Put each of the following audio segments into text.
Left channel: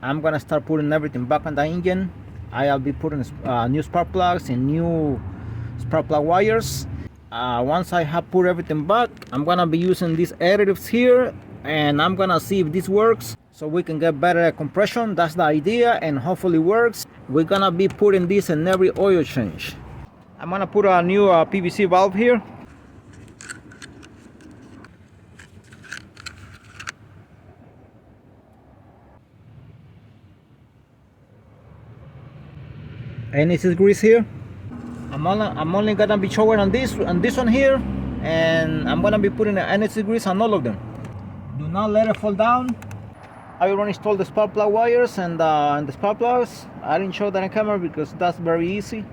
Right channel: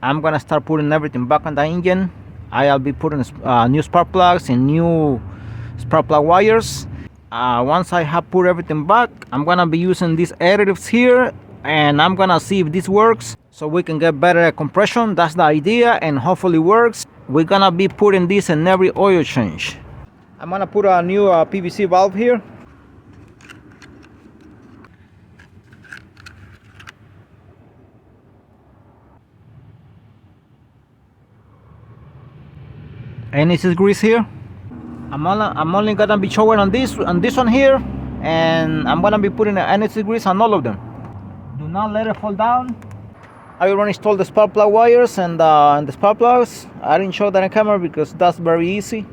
I'm gonna start putting everything back on the engine. I'll be putting new spark plugs and new spark plug wires. Once I have put everything back, I'm gonna be using these additives here, and I'm gonna see if this works so we can get better compression. That's the idea, and hopefully works. We're gonna be putting this in every oil change. I'm gonna put a new PVC valve here. And this is grease here. I'm only gonna be showing on this one here, and I'm gonna be putting the anti grease on all of them. Do not let it fall down. I already installed the spark plug wires and the spark plugs. I didn't show that on camera because that's very easy.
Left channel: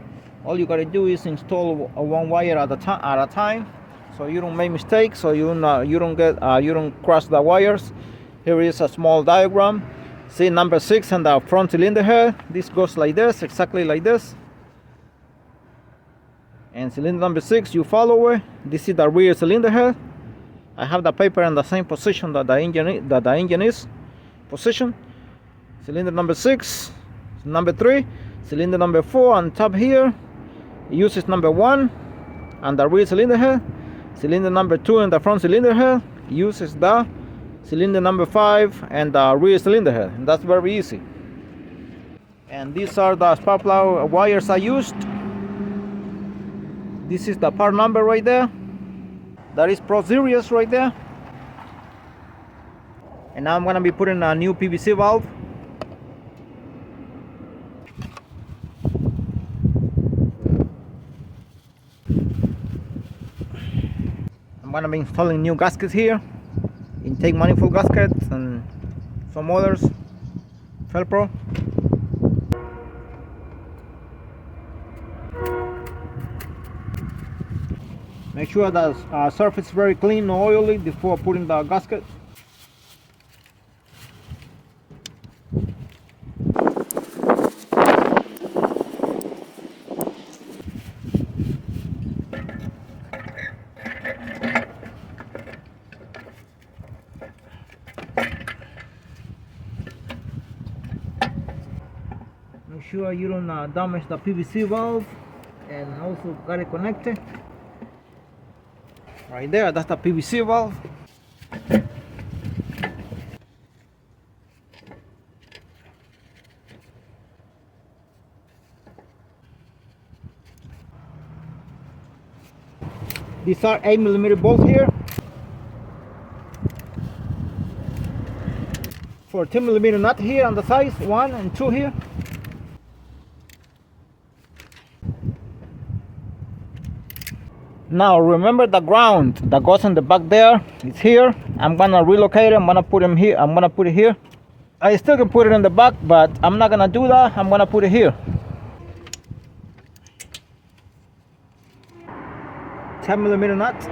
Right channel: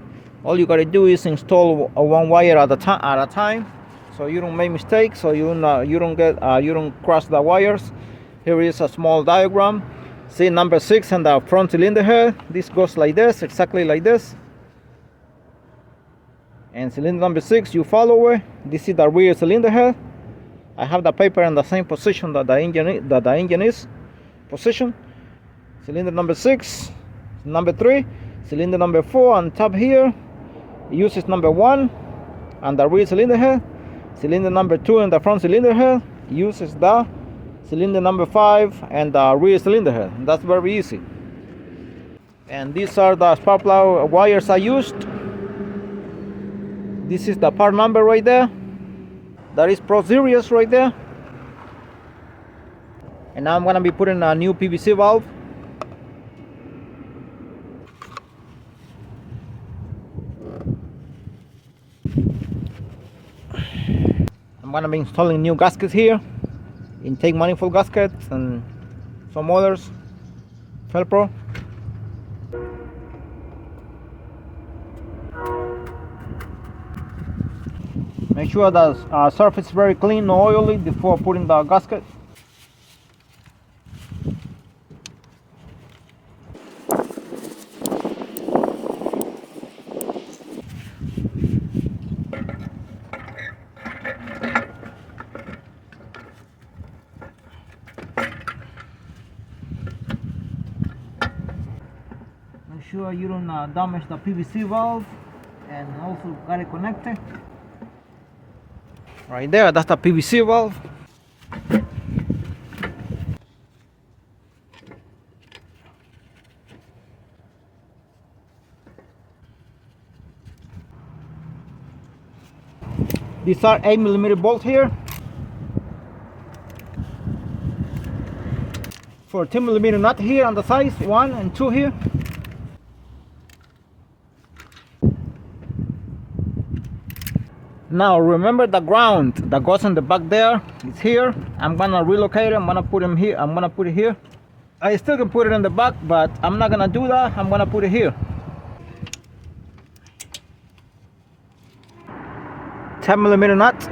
All you gotta do is install one wire at a time, so you don't make mistakes, so you don't cross the wires. Here is a small diagram. See number 6 and the front cylinder head. This goes like this, exactly like this. And cylinder number 6, you follow it. This is the rear cylinder head. I have the paper in the same position that the engine is position. Cylinder number 6, number 3, cylinder number 4 on top here uses number 1 and the rear cylinder head. Cylinder number 2 and the front cylinder head uses the cylinder number 5 and the rear cylinder head. And that's very easy. And these are the spark plug wires I used. This is the part number right there. That is Pro Series right there. And now I'm gonna be putting a new PVC valve. I'm gonna be installing new gaskets here, intake manifold gaskets and some others, Velcro. Make sure the surface is very clean, no oily before putting the gasket. Make sure you don't damage the PVC valve, and also got it connected. Right there, that's the PVC valve. These are 8mm bolts here. 14mm nut here on the sides, 1 and 2 here. Now remember the ground that goes in the back there is here. I'm gonna relocate it. I'm gonna put him here. I'm gonna put it here. I still can put it in the back, but I'm not gonna do that. I'm gonna put it here. 10mm nut.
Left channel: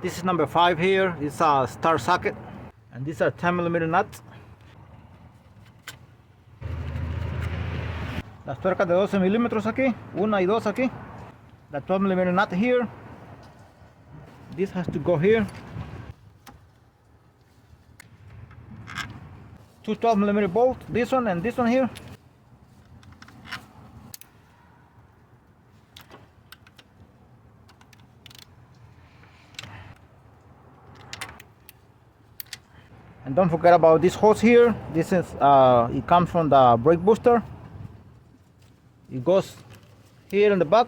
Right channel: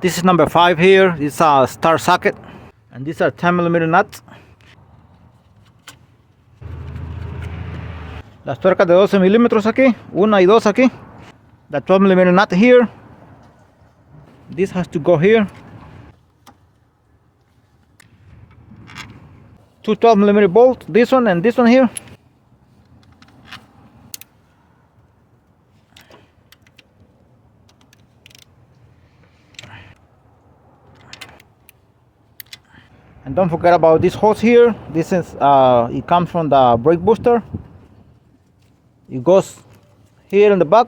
This is number 5 here. It's a star socket, and these are 10mm nuts. Las tuercas de 12 milímetros aquí, una y dos aquí. The 12 millimeter nut here. This has to go here. Two 12 millimeter bolts, this one and this one here. And don't forget about this hose here. This is it comes from the brake booster. It goes here in the back.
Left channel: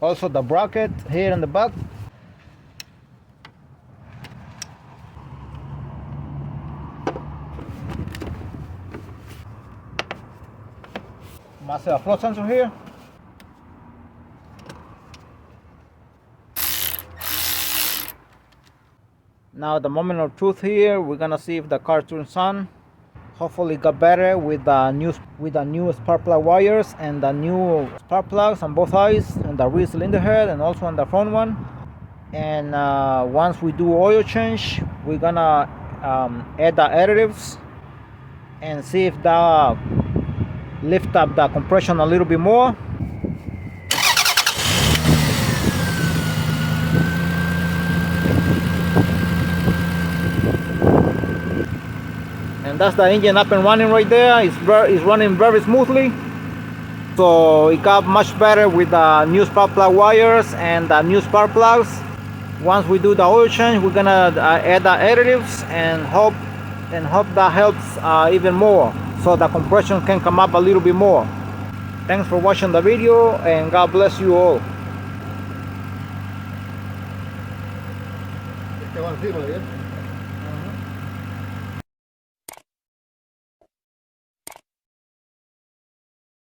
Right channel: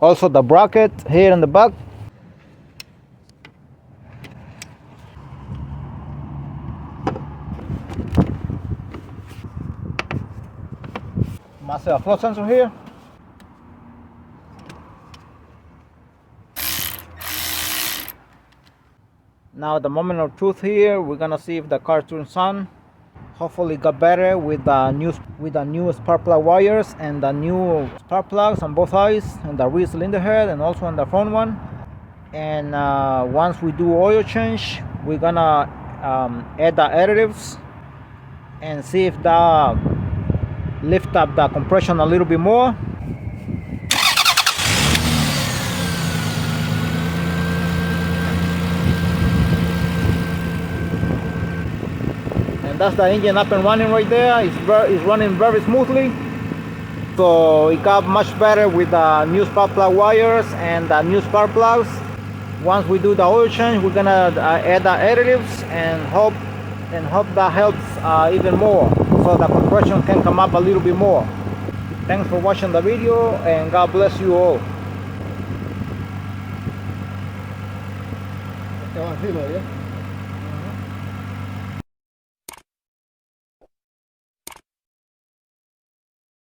Also the bracket here in the back. Master flow sensor here. Now the moment of truth here, we're gonna see if the car turns on. Hopefully it got better with the new spark plug wires and the new spark plugs on both sides and the rear cylinder head and also on the front one. And once we do oil change, we're gonna add the additives and see if that lift up the compression a little bit more. And that's the engine up and running right there. It's running very smoothly. So it got much better with the new spark plug wires and the new spark plugs. Once we do the oil change, we're gonna add the additives and hope that helps even more, so the compression can come up a little bit more. Thanks for watching the video and God bless you all. Estaba encima, ¿ya?